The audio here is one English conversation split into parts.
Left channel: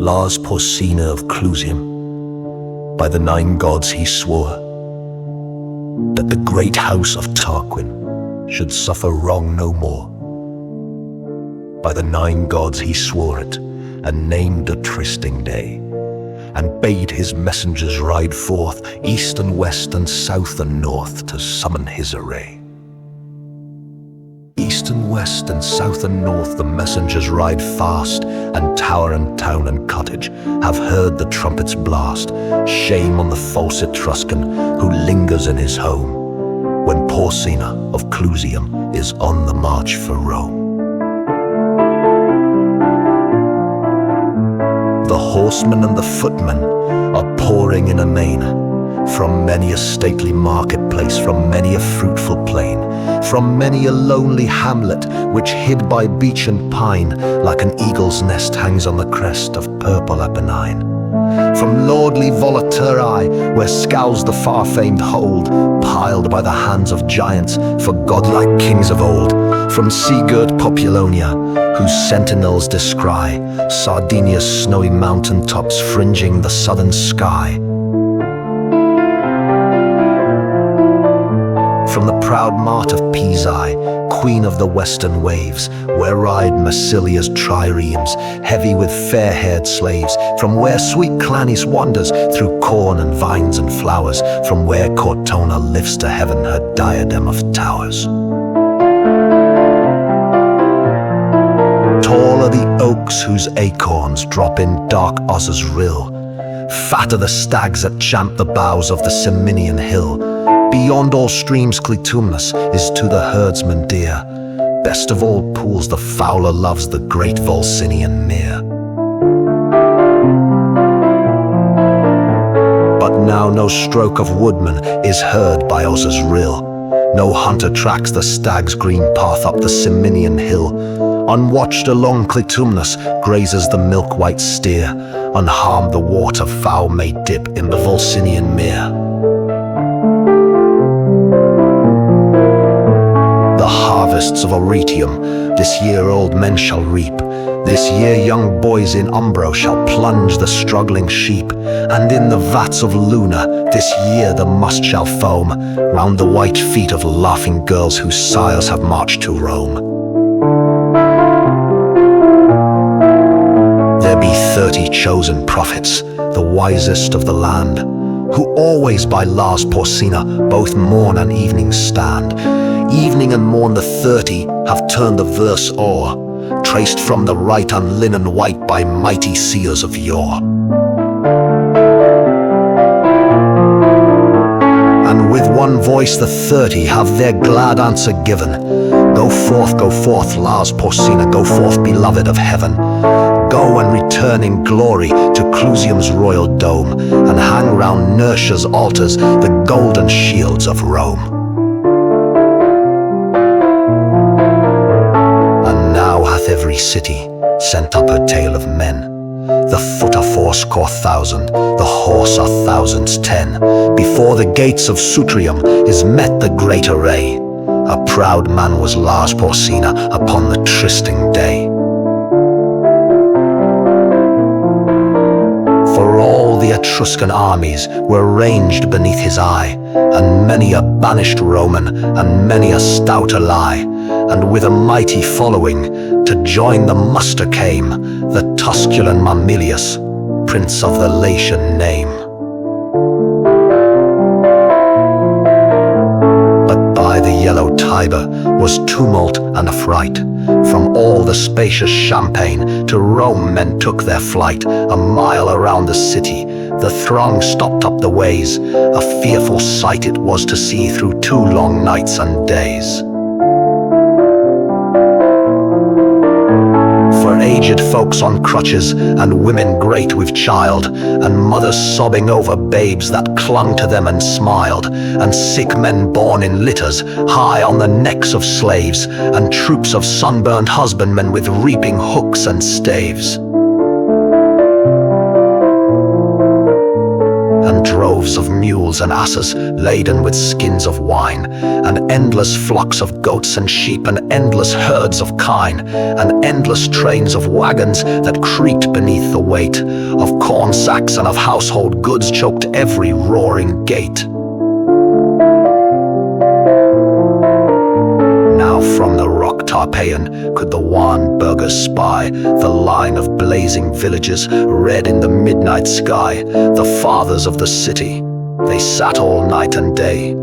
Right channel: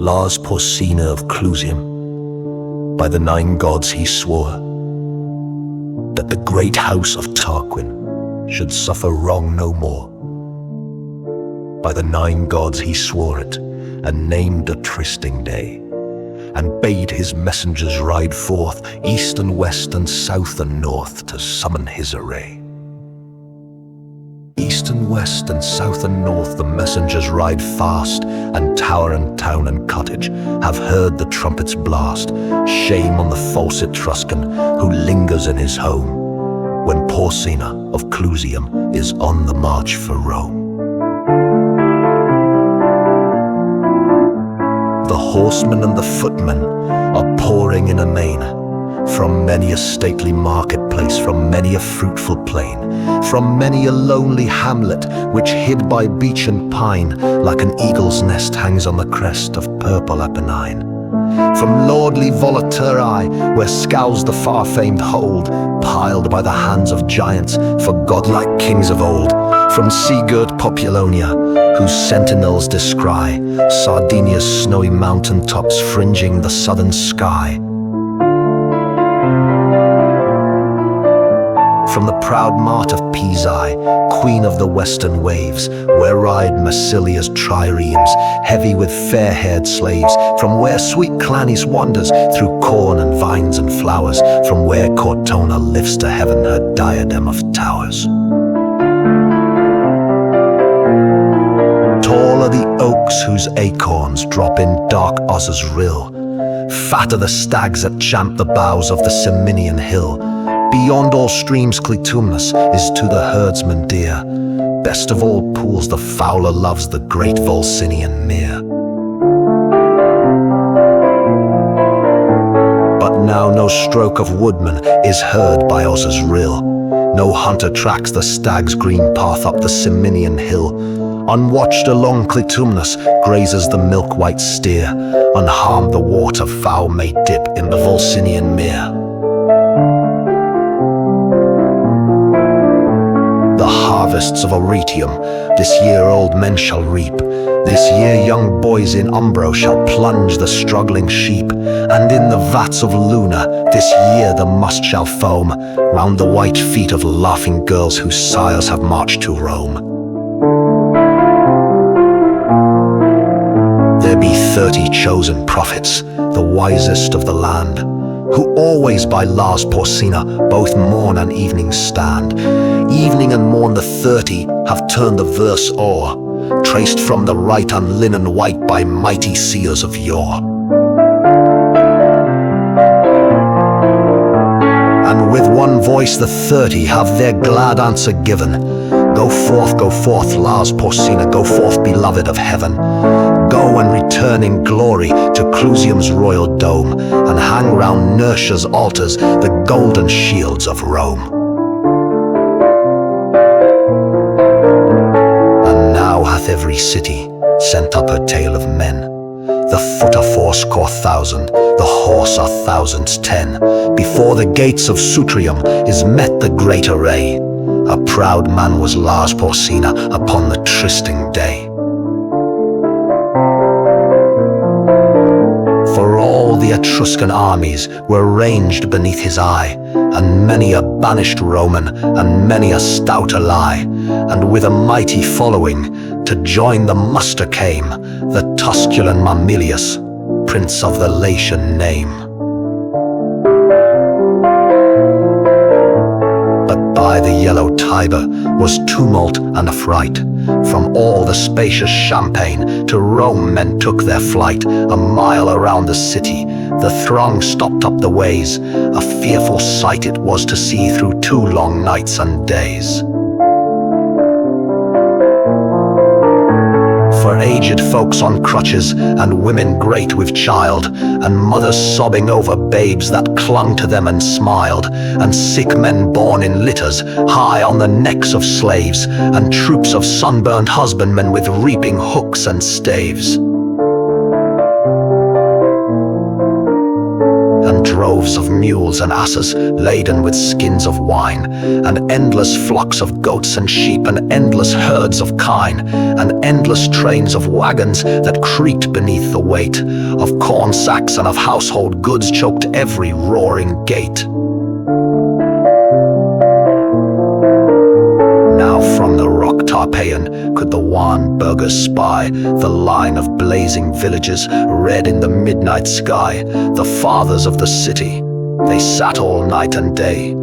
Lars Porsena of Clusium. By the 9 gods he swore that the great house of Tarquin should suffer wrong no more. By the 9 gods he swore it, and named a trysting day, and bade his messengers ride forth, east and west and south and north, to summon his array. East and west and south and north the messengers ride fast, and tower and town and cottage have heard the trumpet's blast. Shame on the false Etruscan who lingers in his home, when Porsena of Clusium is on the march for Rome. The horsemen and the footmen are pouring in amain, from many a stately marketplace, from many a fruitful plain, from many a lonely hamlet, which hid by beech and pine, like an eagle's nest hangs on the crest of purple Apennine. From lordly Volaterrae, where scowls the far-famed hold, piled by the hands of giants for godlike kings of old. From sea-girt Populonia, whose sentinels descry Sardinia's snowy mountain tops fringing the southern sky. From the proud mart of Pisae, queen of the western waves, where ride Massilia's triremes, heavy with fair-haired slaves. From where sweet Clanis wanders through corn and vines and flowers, from where Cortona lifts to heaven her diadem of towers. Tall are the oaks whose acorns drop in dark Oza's rill. Fat are the stags that champ the boughs of the Ciminian hill. Beyond all streams Clitumnus is to the herdsman dear. Best of all pools the fowler loves the great Volsinian mere. But now no stroke of woodman is heard by Oza's rill. No hunter tracks the stag's green path up the Ciminian hill. Unwatched along Clitumnus grazes the milk-white steer. Unharmed the waterfowl may dip in the Volsinian mere. The harvests of Arretium this year old men shall reap. This year young boys in Umbro shall plunge the struggling sheep. And in the vats of Luna this year the must shall foam round the white feet of laughing girls whose sires have marched to Rome. There be 30 chosen prophets, the wisest of the land, who always by Lars Porsena both morn and evening stand. Evening and morn the 30 have turned the verse o'er, traced from the right on linen white by mighty seers of yore. And with one voice the 30 have their glad answer given. Go forth, Lars Porsena, go forth, beloved of heaven. Go and return in glory to Clusium's royal dome, and hang round Nertia's altars the golden shields of Rome. Now hath every city sent up her tale of men. The foot are 80,000, the horse are thousands 10. Before the gates of Sutrium is met the great array. A proud man was Lars Porsena upon the trysting day. For all the Etruscan armies were ranged beneath his eye, and many a banished Roman, and many a stout ally, and with a mighty following to join the muster came the Tusculan Mamilius, prince of the Latian name. But by the yellow Tiber was tumult and affright. From all the spacious Champaign to Rome men took their flight. A mile around the city the throng stopped up the ways. A fearful sight it was to see through 2 long nights and days. For aged folks on crutches, and women great with child, and mothers sobbing over babes that clung to them and smiled, and sick men borne in litters high on the necks of slaves, and troops of sunburned husbandmen with reaping hooks and staves. And droves of mules and asses laden with skins of wine, and endless flocks of goats and sheep, and endless herds of kine, and endless trains of wagons that creaked beneath the weight of corn sacks and of household goods choked every roaring gate. Now from the rock Tarpeian could the wan burghers spy the line of blazing villages red in the midnight sky, the fathers of the city. They sat all night and day.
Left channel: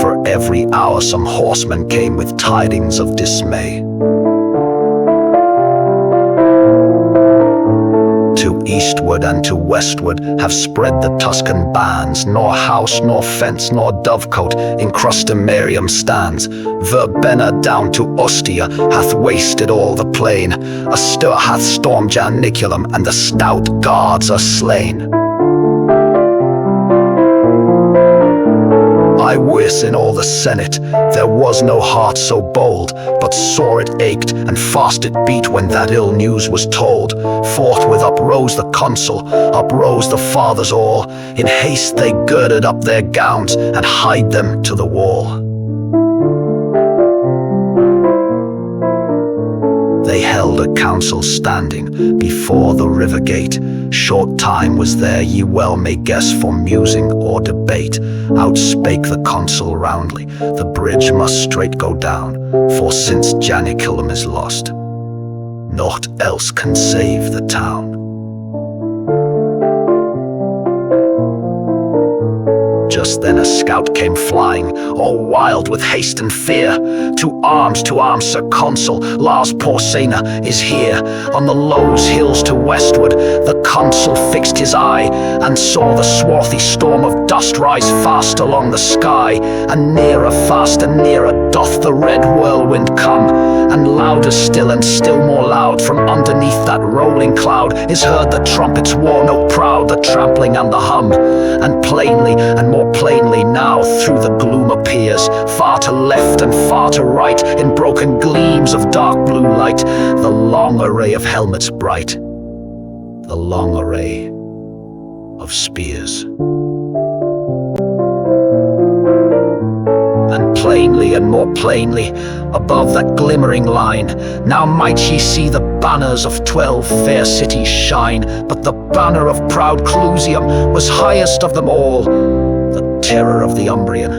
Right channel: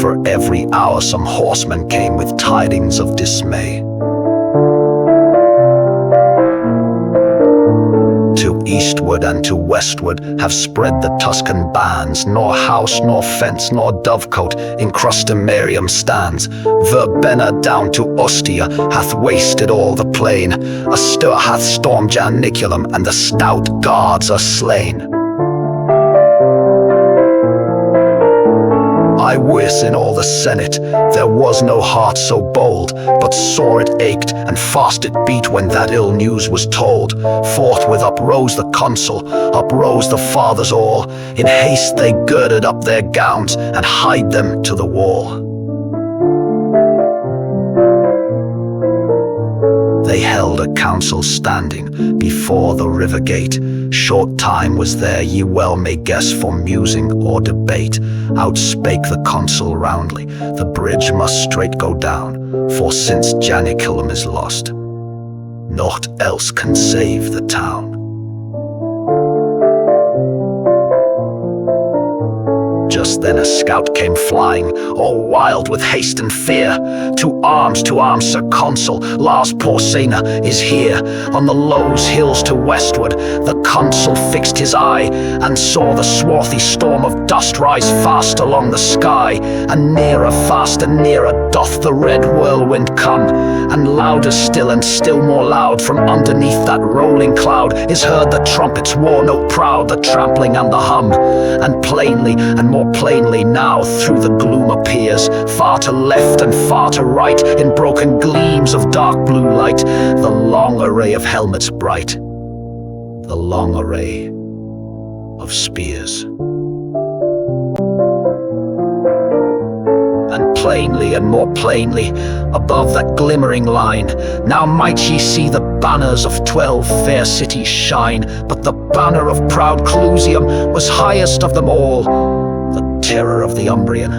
For every hour some horseman came with tidings of dismay. To eastward and to westward have spread the Tuscan bands, nor house, nor fence, nor dovecote in Crustumerium stands. Verbenna down to Ostia hath wasted all the plain. A stir hath stormed Janiculum, and the stout guards are slain. I wis in all the Senate there was no heart so bold, but sore it ached and fast it beat when that ill news was told. Forthwith uprose the consul, uprose the fathers all. In haste they girded up their gowns and hied them to the wall. They held a council standing before the river gate. Short time was there, ye well may guess, for musing or debate. Outspake the consul roundly, the bridge must straight go down, for since Janiculum is lost, naught else can save the town. Just then a scout came flying, all wild with haste and fear. To arms, Sir Consul, Lars Porsena is here. On the Lowes hills to westward, the consul fixed his eye, and saw the swarthy storm of dust rise fast along the sky. And nearer, fast and nearer, doth the red whirlwind come, and louder still and still more loud, from underneath that rolling cloud, is heard the trumpet's war note proud, the trampling and the hum. And plainly and more plainly now through the gloom appears, far to left and far to right, in broken gleams of dark blue light, the long array of helmets bright, the long array of spears. And plainly and more plainly, above that glimmering line, now might ye see the banners of 12 fair cities shine. But the banner of proud Clusium was highest of them all, the terror of the Umbrian,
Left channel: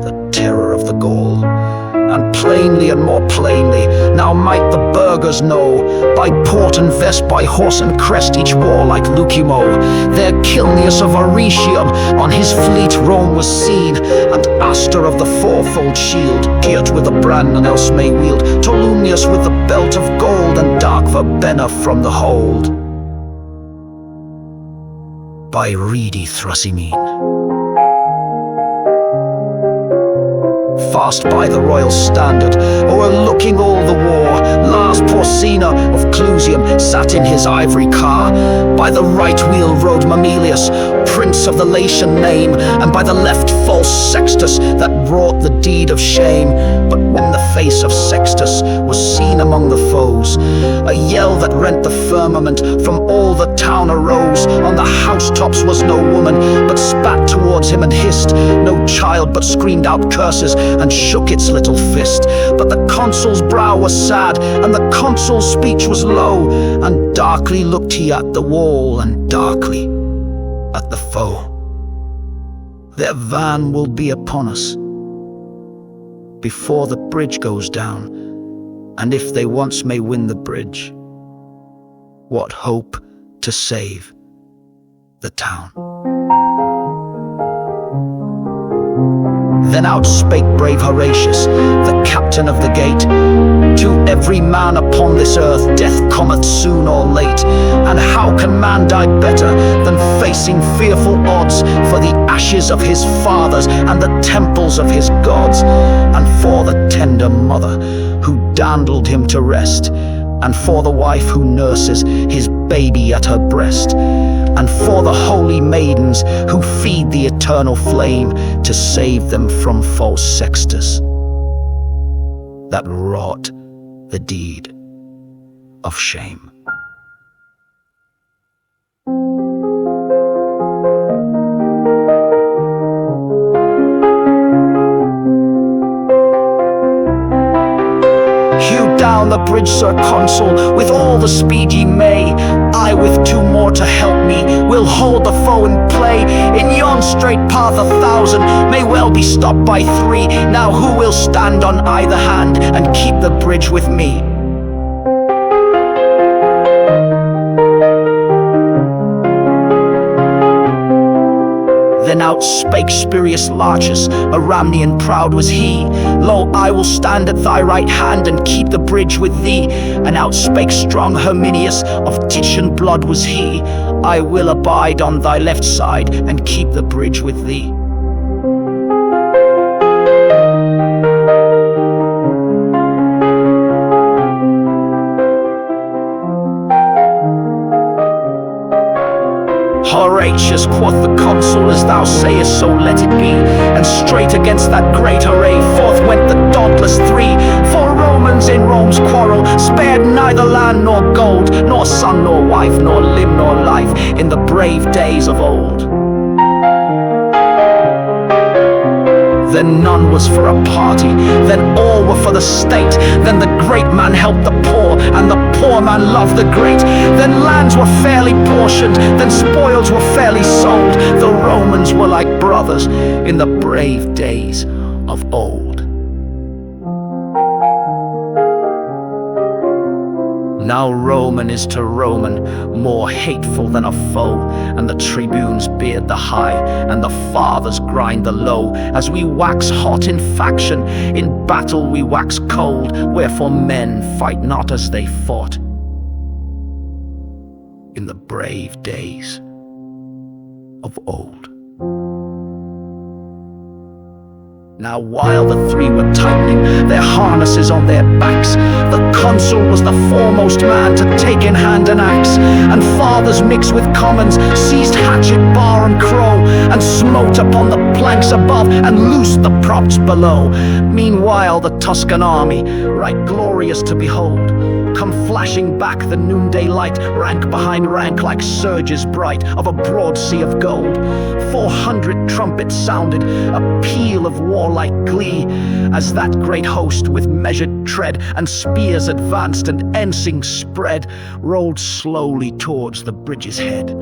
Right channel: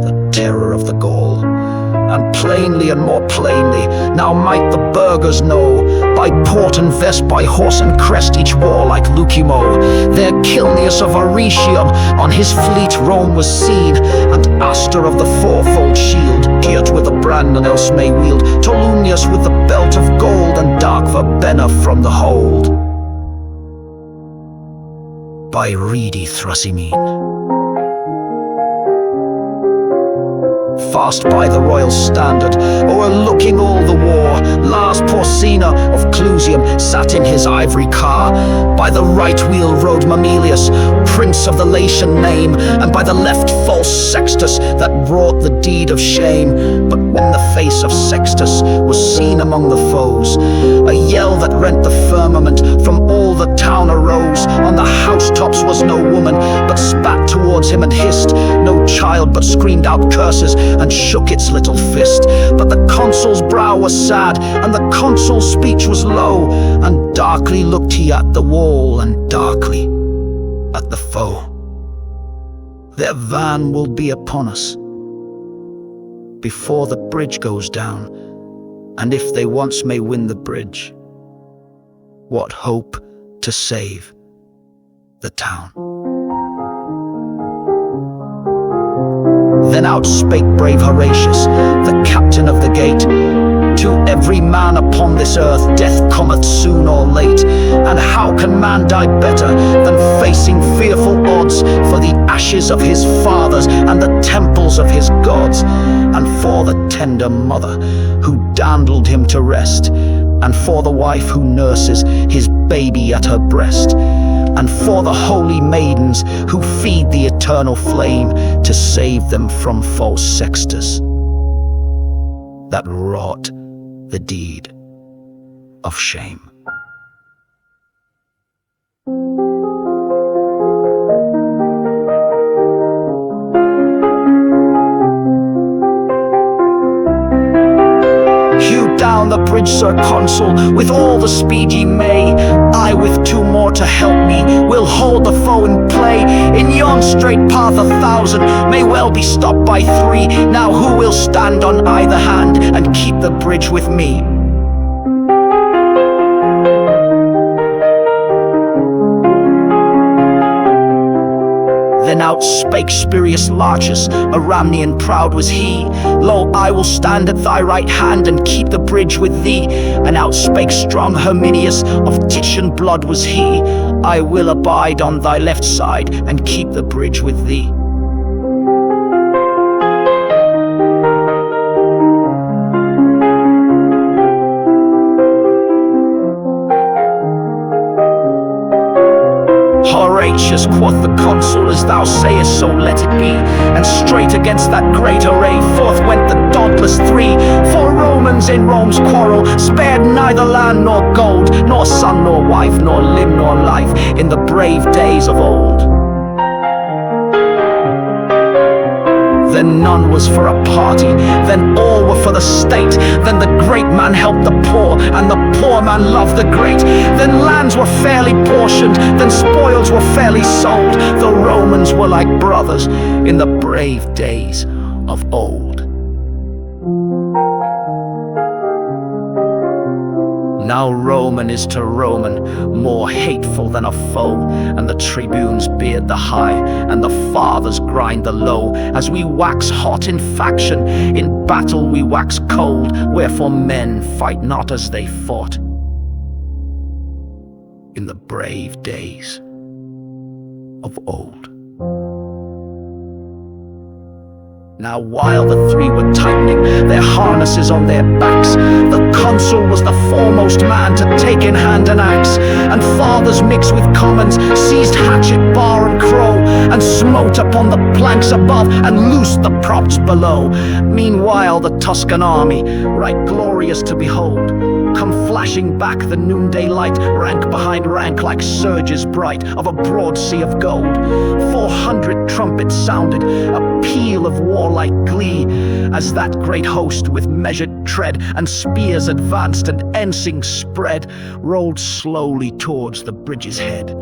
the terror of the Gaul. And plainly and more plainly, now might the burghers know, by port and vest, by horse and crest, each warlike Lucumo. There Cilnius of Arretium on his fleet Rome was seen, and Astor of the fourfold shield, girt with a brand none else may wield, Tolumnius with the belt of gold, and dark Verbenna from the hold. By reedy Thrasymene, fast by the royal standard, o'erlooking all the war, Lars Porsena of Clusium sat in his ivory car. By the right wheel rode Mamelius, prince of the Latian name, and by the left false Sextus, that wrought the deed of shame. But when the face of Sextus was seen among the foes, a yell that rent the firmament from all the town arose. On the housetops was no woman, but spat towards him and hissed, no child, but screamed out curses and shook its little fist. But the consul's brow was sad, and the consul's speech was low, and darkly looked he at the wall, and darkly at the foe. Their van will be upon us before the bridge goes down, and if they once may win the bridge, what hope to save the town? Then out spake brave Horatius, the captain of the gate, to every man upon this earth death cometh soon or late, and how can man die better than facing fearful odds for the ashes of his fathers and the temples of his gods, and for the tender mother who dandled him to rest, and for the wife who nurses his baby at her breast, and for the holy maidens who feed the eternal flame to save them from false Sextus, that wrought the deed of shame. down the bridge, Sir Consul, with all the speed ye may. I, with 2 more to help me, will hold the foe in play. In yon straight path 1,000 may well be stopped by 3. Now who will stand on either hand and keep the bridge with me? Then out spake Spurius Lartius, a Ramnian proud was he. Lo, I will stand at thy right hand and keep the bridge with thee. And out spake strong Herminius, of Titian blood was he. I will abide on thy left side and keep the bridge with thee. Horatius, quoth the consul, as thou sayest, so let it be. And straight against that great array forth went the dauntless 3. For Romans in Rome's quarrel spared neither land nor gold, nor son nor wife, nor limb nor life, in the brave days of old. Then none was for a party, then all were for the state. Then the great man helped the poor, and the poor man loved the great. Then lands were fairly portioned, then spoils were fairly sold. The Romans were like brothers in the brave days of old. Now Roman is to Roman more hateful than a foe, and the tribunes beard the high, and the fathers grind the low. As we wax hot in faction, in battle we wax cold, wherefore men fight not as they fought in the brave days of old. Now while the 3 were tightening their harnesses on their backs, the consul was the foremost man to take in hand an axe. And fathers mixed with commons seized hatchet, bar and crow, and smote upon the planks above and loosed the props below. Meanwhile the Tuscan army, right glorious to behold, come flashing back the noonday light, rank behind rank like surges bright of a broad sea of gold. 400 trumpets sounded, a peal of warlike glee, as that great host with measured tread and spears advanced and ensigns spread, rolled slowly towards the bridge's head,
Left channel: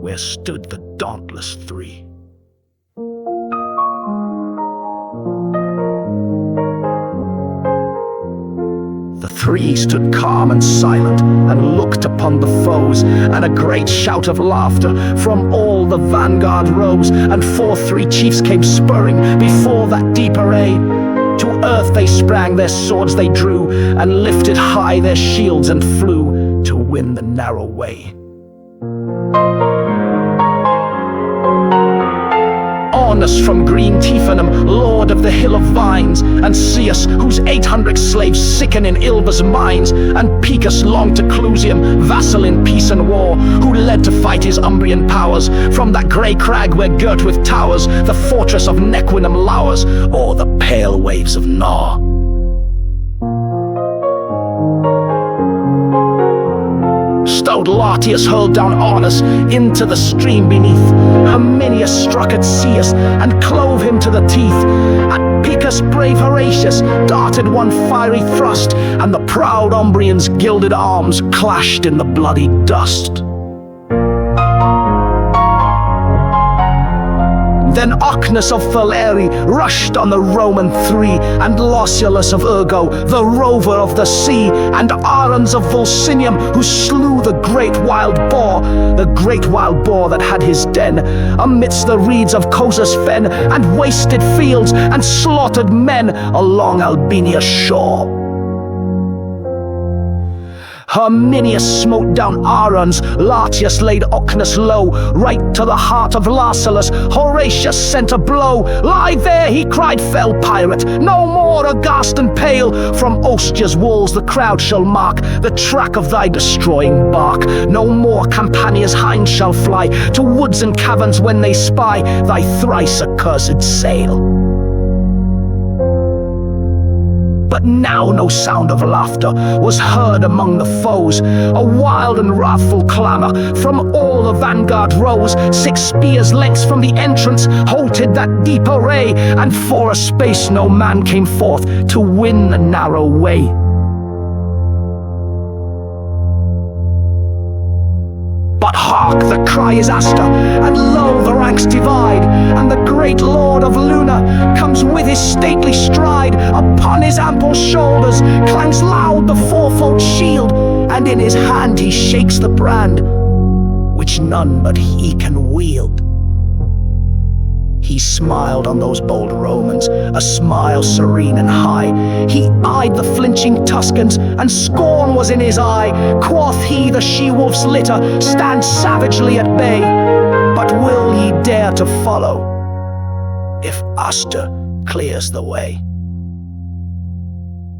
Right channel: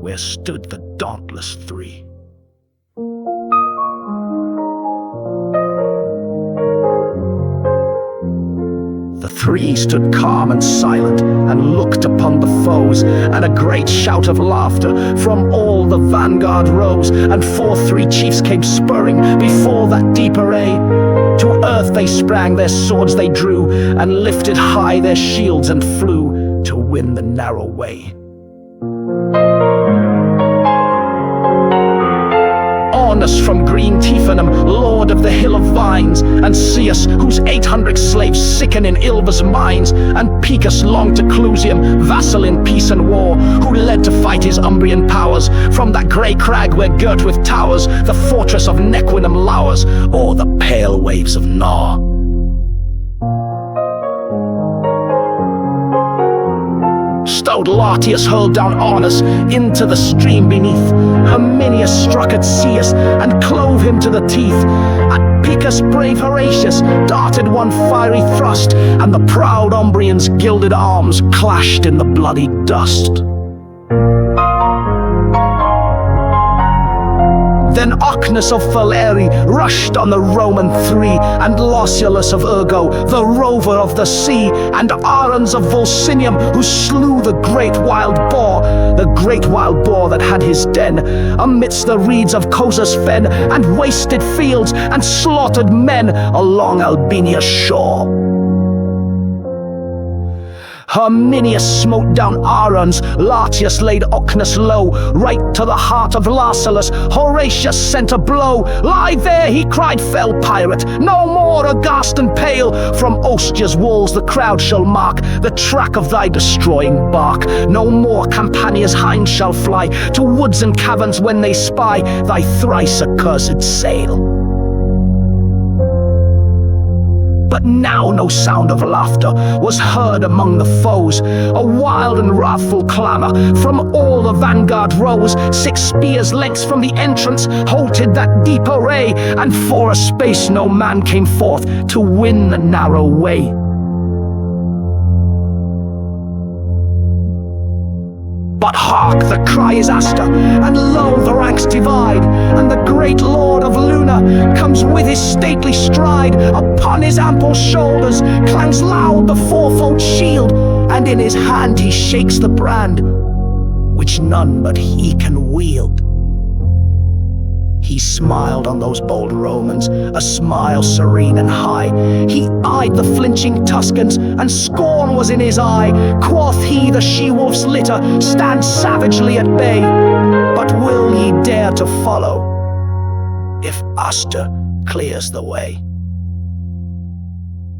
where stood the dauntless 3. The 3 stood calm and silent, and looked upon the foes, and a great shout of laughter from all the vanguard rose, and 3 chiefs came spurring before that deep array. To earth they sprang, their swords they drew, and lifted high their shields and flew to win the narrow way. Ornus from green Tifanum, lord of the hill of vines, and Ceus, whose 800 slaves sicken in Ilva's mines, and Picus long to Clusium, vassal in peace and war, who led to fight his Umbrian powers from that grey crag where girt with towers the fortress of Nequinum lowers o'er the pale waves of Nar. Stout Lartius hurled down Ornus into the stream beneath. Herminius struck at Ceus and clove him to the teeth. At Picus brave Horatius darted one fiery thrust, and the proud Umbrian's gilded arms clashed in the bloody dust. Then Ocnus of Faleri rushed on the Roman 3, and Lausulus of Urgo, the rover of the sea, and Arons of Volsinium, who slew the great wild boar that had his den amidst the reeds of Cosa's fen, and wasted fields, and slaughtered men along Albinia's shore. Herminius smote down Arons, Lartius laid Ocnus low, right to the heart of Lausulus Horatius sent a blow. Lie there, he cried, fell pirate, no more aghast and pale. From Ostia's walls the crowd shall mark the track of thy destroying bark. No more Campania's hinds shall fly to woods and caverns when they spy thy thrice accursed sail. But now no sound of laughter was heard among the foes. A wild and wrathful clamor from all the vanguard rose. 6 spears' lengths from the entrance halted that deep array, and for a space no man came forth to win the narrow way. But hark, the cry is Aster, and lo, the ranks divide, and the great lord of Luna comes with his stately stride. Upon his ample shoulders clangs loud the fourfold shield, and in his hand he shakes the brand, which none but he can wield. He smiled on those bold Romans, a smile serene and high. He eyed the flinching Tuscans, and scorn was in his eye. Quoth he, the she-wolf's litter stand savagely at bay. But will ye dare to follow, if Aster clears the way?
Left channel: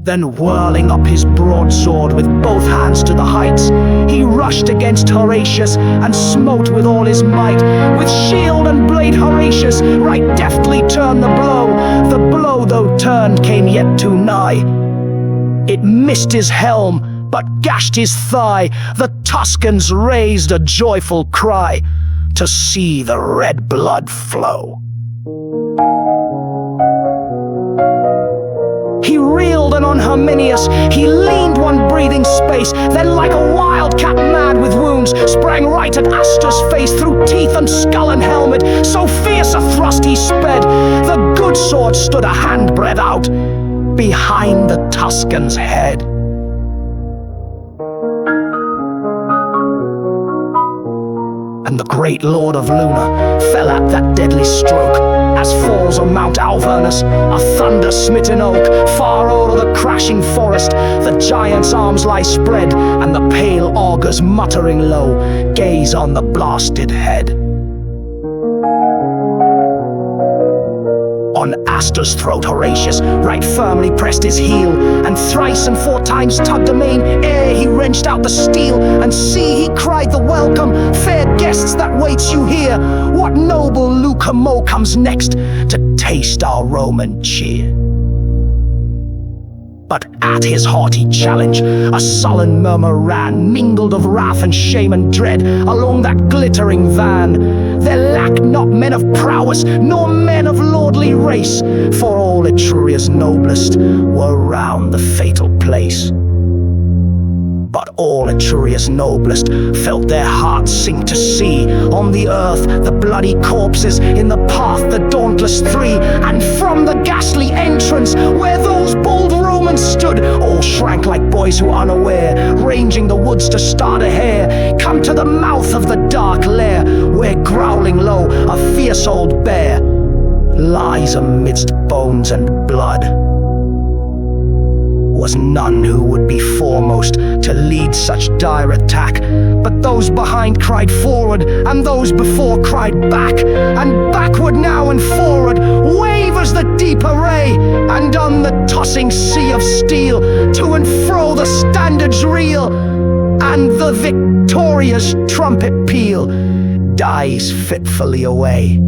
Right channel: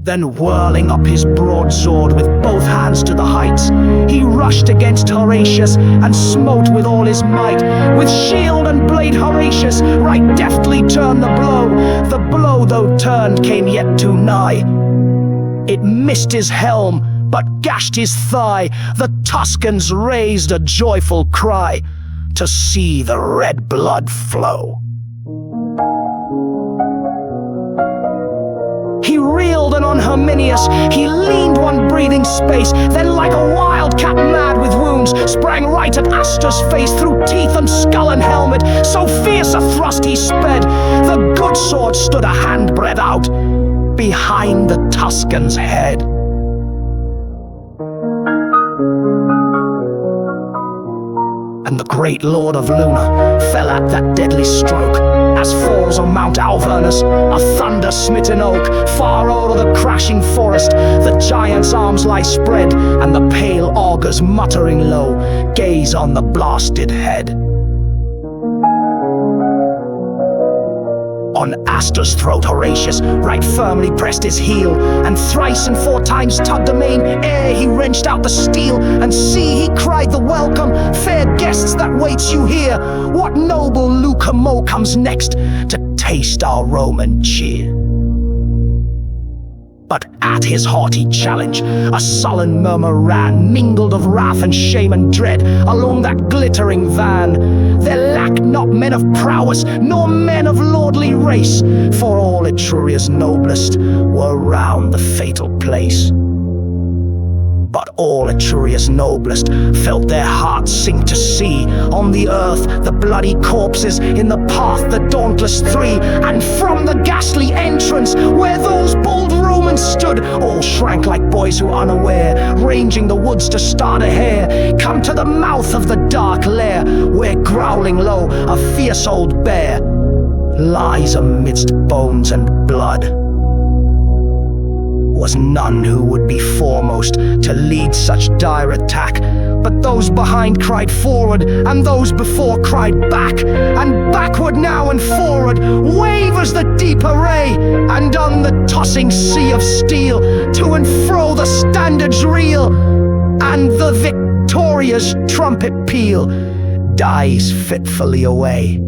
Then whirling up his broadsword with both hands to the heights, he rushed against Horatius and smote with all his might. With shield and blade Horatius right deftly turned the blow. The blow, though turned, came yet too nigh. It missed his helm, but gashed his thigh. The Tuscans raised a joyful cry to see the red blood flow. He reeled, and on Herminius he leaned one breathing space, then like a wildcat mad with wounds, sprang right at Aster's face, through teeth and skull and helmet. So fierce a thrust he sped, the good sword stood a handbreadth out behind the Tuscan's head. And the great lord of Luna fell at that deadly stroke, as falls on Mount Alvernus a thunder-smitten oak. Far o'er the crashing forest the giant's arms lie spread, and the pale augurs, muttering low, gaze on the blasted head. On Aster's throat Horatius right firmly pressed his heel, and thrice and four times tugged amain ere he wrenched out the steel. And see, he cried the welcome, fair guests, that waits you here. What noble Lucamo comes next to taste our Roman cheer? But at his haughty challenge a sullen murmur ran, mingled of wrath and shame and dread, along that glittering van. There lacked not men of prowess, nor men of lordly race, for all Etruria's noblest were round the fatal place. But all Etruria's noblest felt their hearts sink to see on the earth the bloody corpses, in the path the dauntless three. And from the ghastly entrance where those bold Romans stood, all shrank like boys who, unaware, ranging the woods to start a hare, come to the mouth of the dark lair, where growling low a fierce old bear lies amidst bones and blood. Was none who would be foremost to lead such dire attack, but those behind cried forward, and those before cried back. And backward now and forward wavers the deep array, and on the tossing sea of steel to and fro the standards reel, and the victorious trumpet peal dies fitfully away.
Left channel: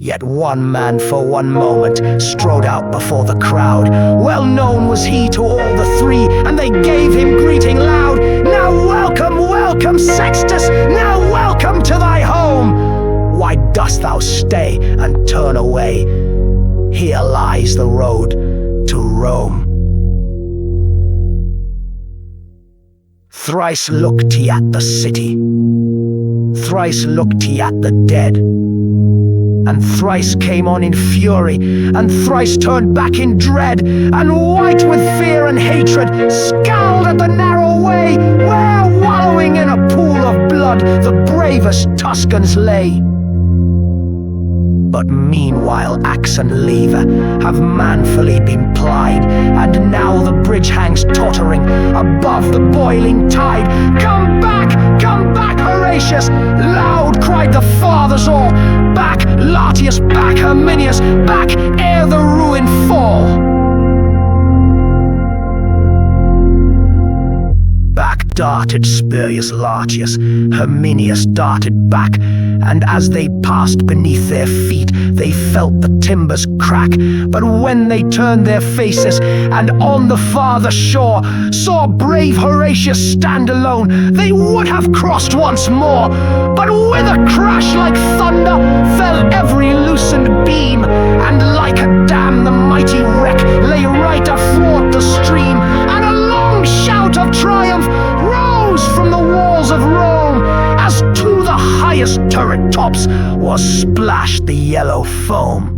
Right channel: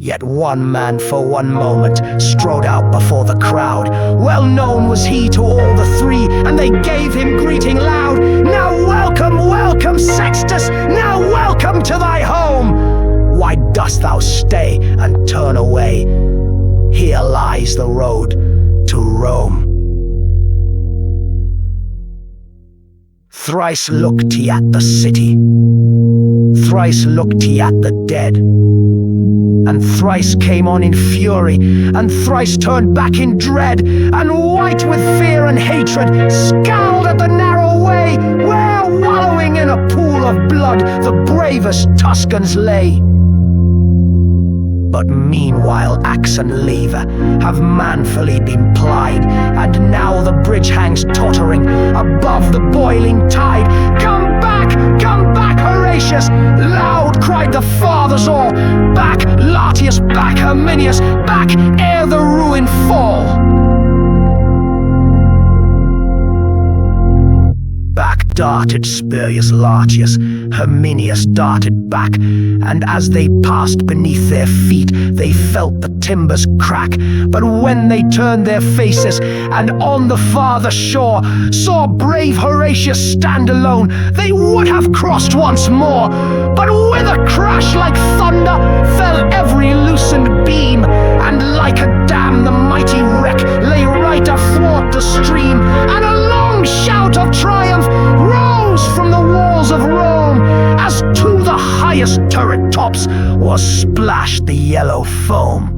Yet one man for one moment strode out before the crowd. Well known was he to all the three, and they gave him greeting loud. Now welcome, welcome, Sextus, now welcome to thy home. Why dost thou stay and turn away? Here lies the road to Rome. Thrice looked he at the city, thrice looked he at the dead, and thrice came on in fury, and thrice turned back in dread, and white with fear and hatred scowled at the narrow way where, wallowing in a pool of blood, the bravest Tuscans lay. But meanwhile axe and lever have manfully been plied, and now the bridge hangs tottering above the boiling tide. Come back, Horatius! Loud cried the fathers all. Back, Latius, back, Herminius, back ere the ruin fall. Back darted Spurius Lartius, Herminius darted back, and as they passed beneath their feet, they felt the timbers crack. But when they turned their faces, and on the farther shore saw brave Horatius stand alone, they would have crossed once more. But with a crash like thunder fell every loosened beam, and like a dam the mighty wreck lay right athwart the stream, and a long shout of triumph rose rose from the walls of Rome, as to the highest turret tops was splashed the yellow foam.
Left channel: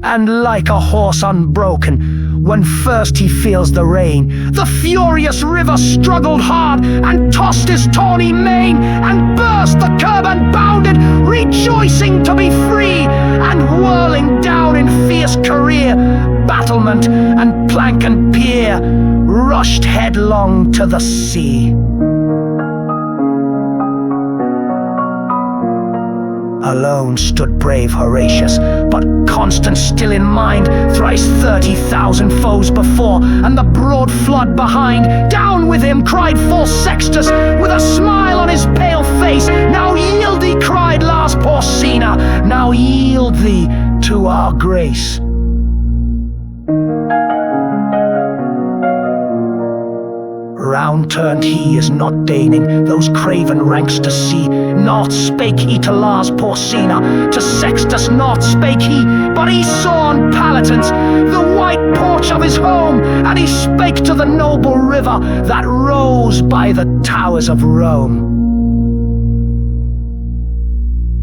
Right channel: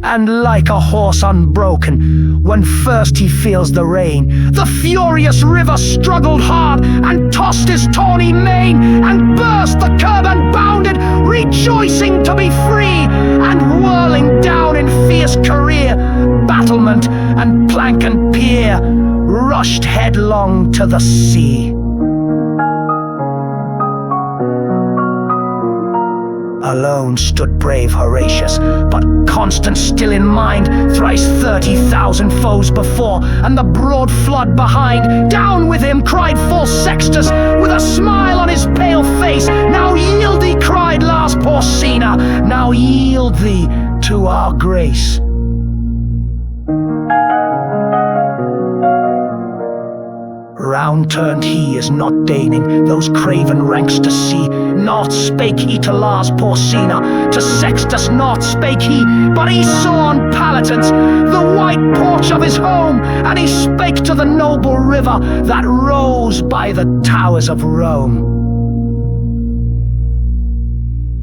And like a horse unbroken, when first he feels the rein, the furious river struggled hard, and tossed his tawny mane, and burst the curb and bounded, rejoicing to be free, and whirling down in fierce career, battlement and plank and pier, rushed headlong to the sea. Alone stood brave Horatius, but constant still in mind, thrice 30,000 foes before, and the broad flood behind. Down with him, cried false Sextus, with a smile on his pale face. Now yield thee, cried Lars Porsena, now yield thee to our grace. Round turned he, as not deigning those craven ranks to see. Naught spake he to Lars Porsena, to Sextus naught spake he, but he saw on Palatines the white porch of his home, and he spake to the noble river that rose by the towers of Rome.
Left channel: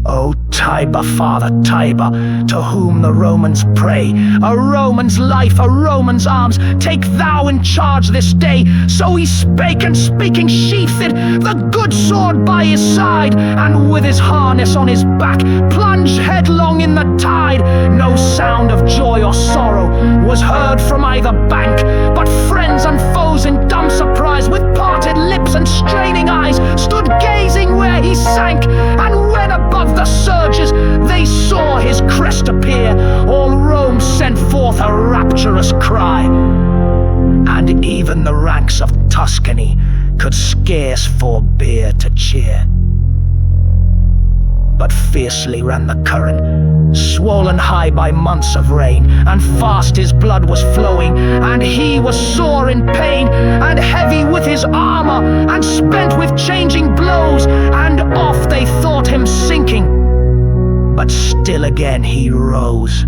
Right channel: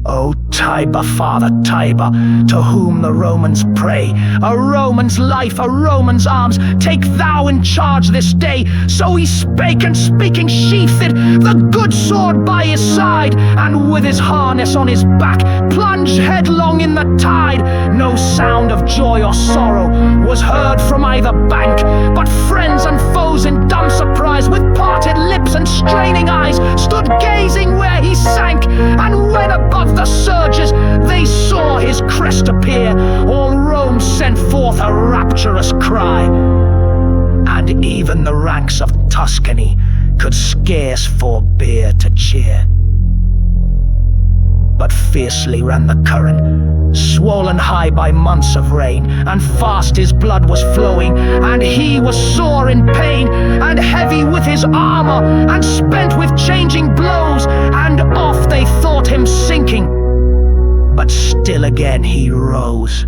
O Tiber, Father Tiber, to whom the Romans pray, a Roman's life, a Roman's arms, take thou in charge this day. So he spake, and speaking sheathed it, the good sword by his side, and with his harness on his back, plunged headlong in the tide. No sound of joy or sorrow was heard from either bank, but friends and foes in dumb surprise, with parted lips and straining eyes, stood gazing where he sank. And when above the surges they saw his crest appear, all Rome sent forth a rapturous cry, and even the ranks of Tuscany could scarce forbear to cheer. But fiercely ran the current, swollen high by months of rain, and fast his blood was flowing, and he was sore in pain, and heavy with his armor, and spent with changing blows, and oft they thought him sinking, but still again he rose.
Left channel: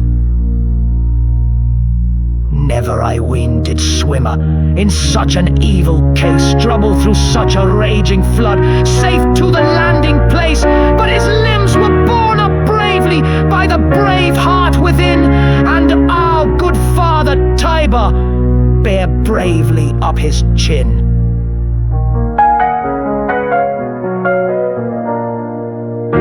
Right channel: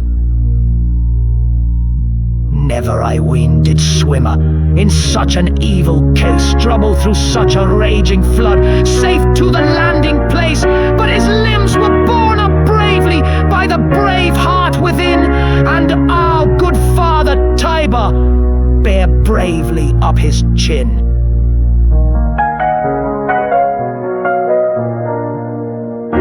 Never, I ween, did swimmer in such an evil case trouble through such a raging flood, safe to the landing place, but his limbs were borne up bravely by the brave heart within, and our good father Tiber bare bravely up his chin.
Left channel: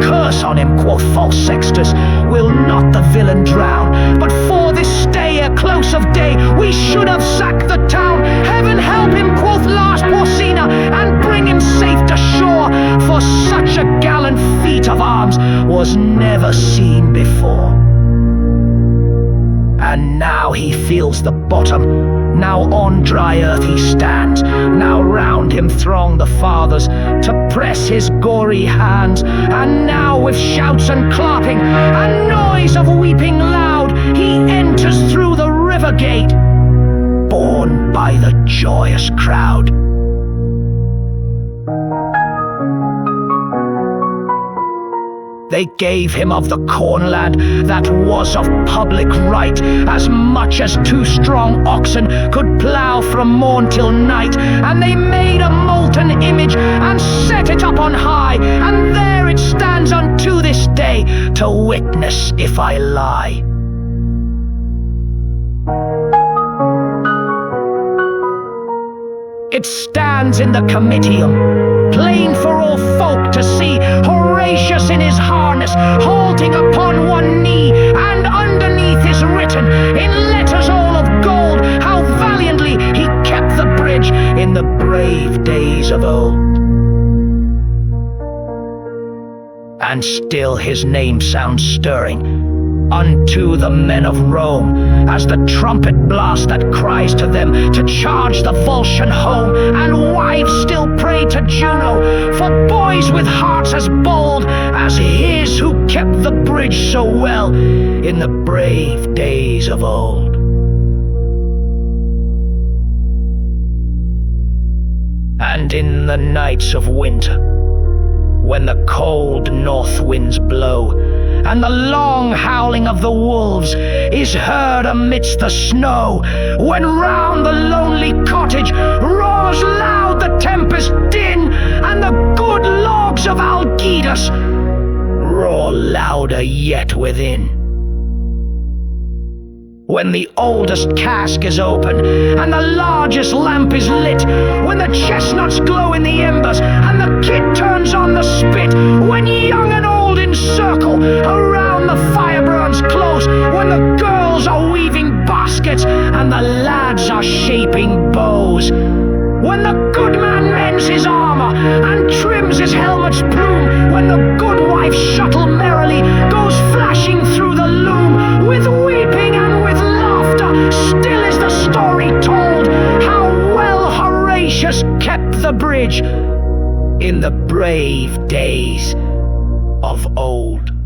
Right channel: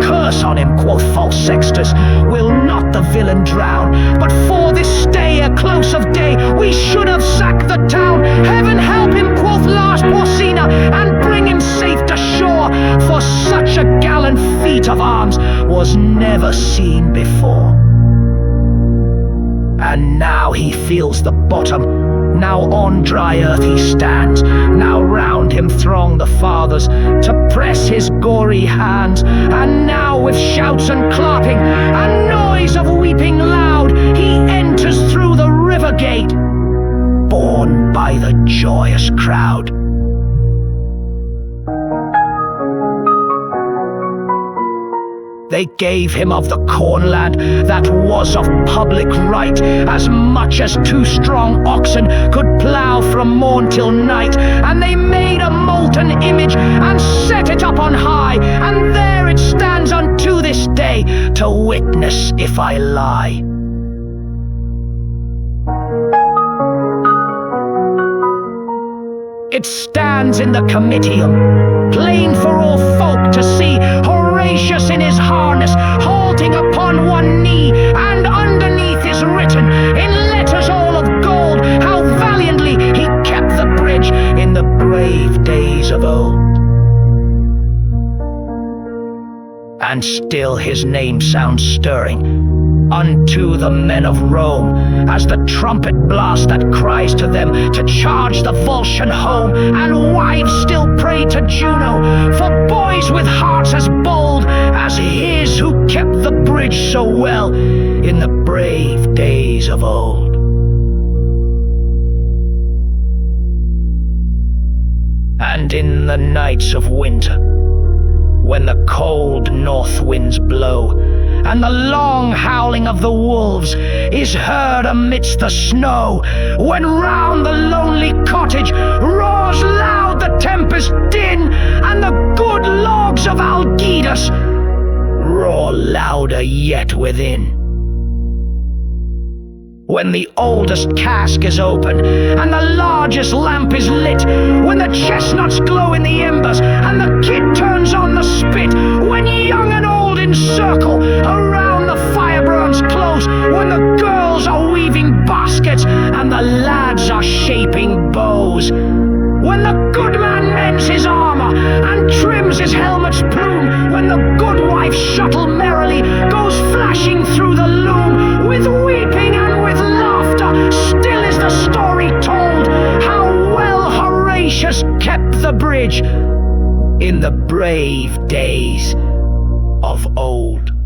Curse on him, quoth false Sextus, will not the villain drown, but for this stay ere close of day we should have sacked the town. Heaven help him, quoth Lars Porsena, and bring him safe to shore, for such a gallant feat of arms was never seen before. And now he feels the bottom, now on dry earth he stands, now round him throng the fathers to press his gory hands, and now with shouts and clapping and noise of weeping loud he enters through the river gate, borne by the joyous crowd. They gave him of the cornland that was of public right, as much as 2 strong oxen could plough from morn till night. And they made a molten image and set it up on high, and there it stands unto this day, to witness if I lie. It stands in the Comitium, plain for all folk to see, Horatius in his harness, halting upon one knee, and underneath is written, in letters all of gold, how valiantly he kept the bridge in the brave days of old. And still his name sounds stirring unto the men of Rome, as the trumpet blast that cries to them to charge the Volscian home, and wives still pray to Juno for boys with hearts as bold as his who kept the bridge so well in the brave days of old. And in the nights of winter, when the cold north winds blow, and the long howling of the wolves is heard amidst the snow, when round the lonely cottage roars loud the tempest din, and the good logs of Algidus roar louder yet within. When the oldest cask is open, and the largest lamp is lit, when the chestnuts glow in the embers, and the kid turns on the spit, when young and old encircle around the fire burns close, when the girls are weaving baskets, and the lads are shaping bows, when the good man mends his armor and trims his helmet's plume, when the good wife's shuttle merrily goes flashing through the loom, with weeping and with laughter still is the story told, how well Horatius kept the bridge in the brave days of old.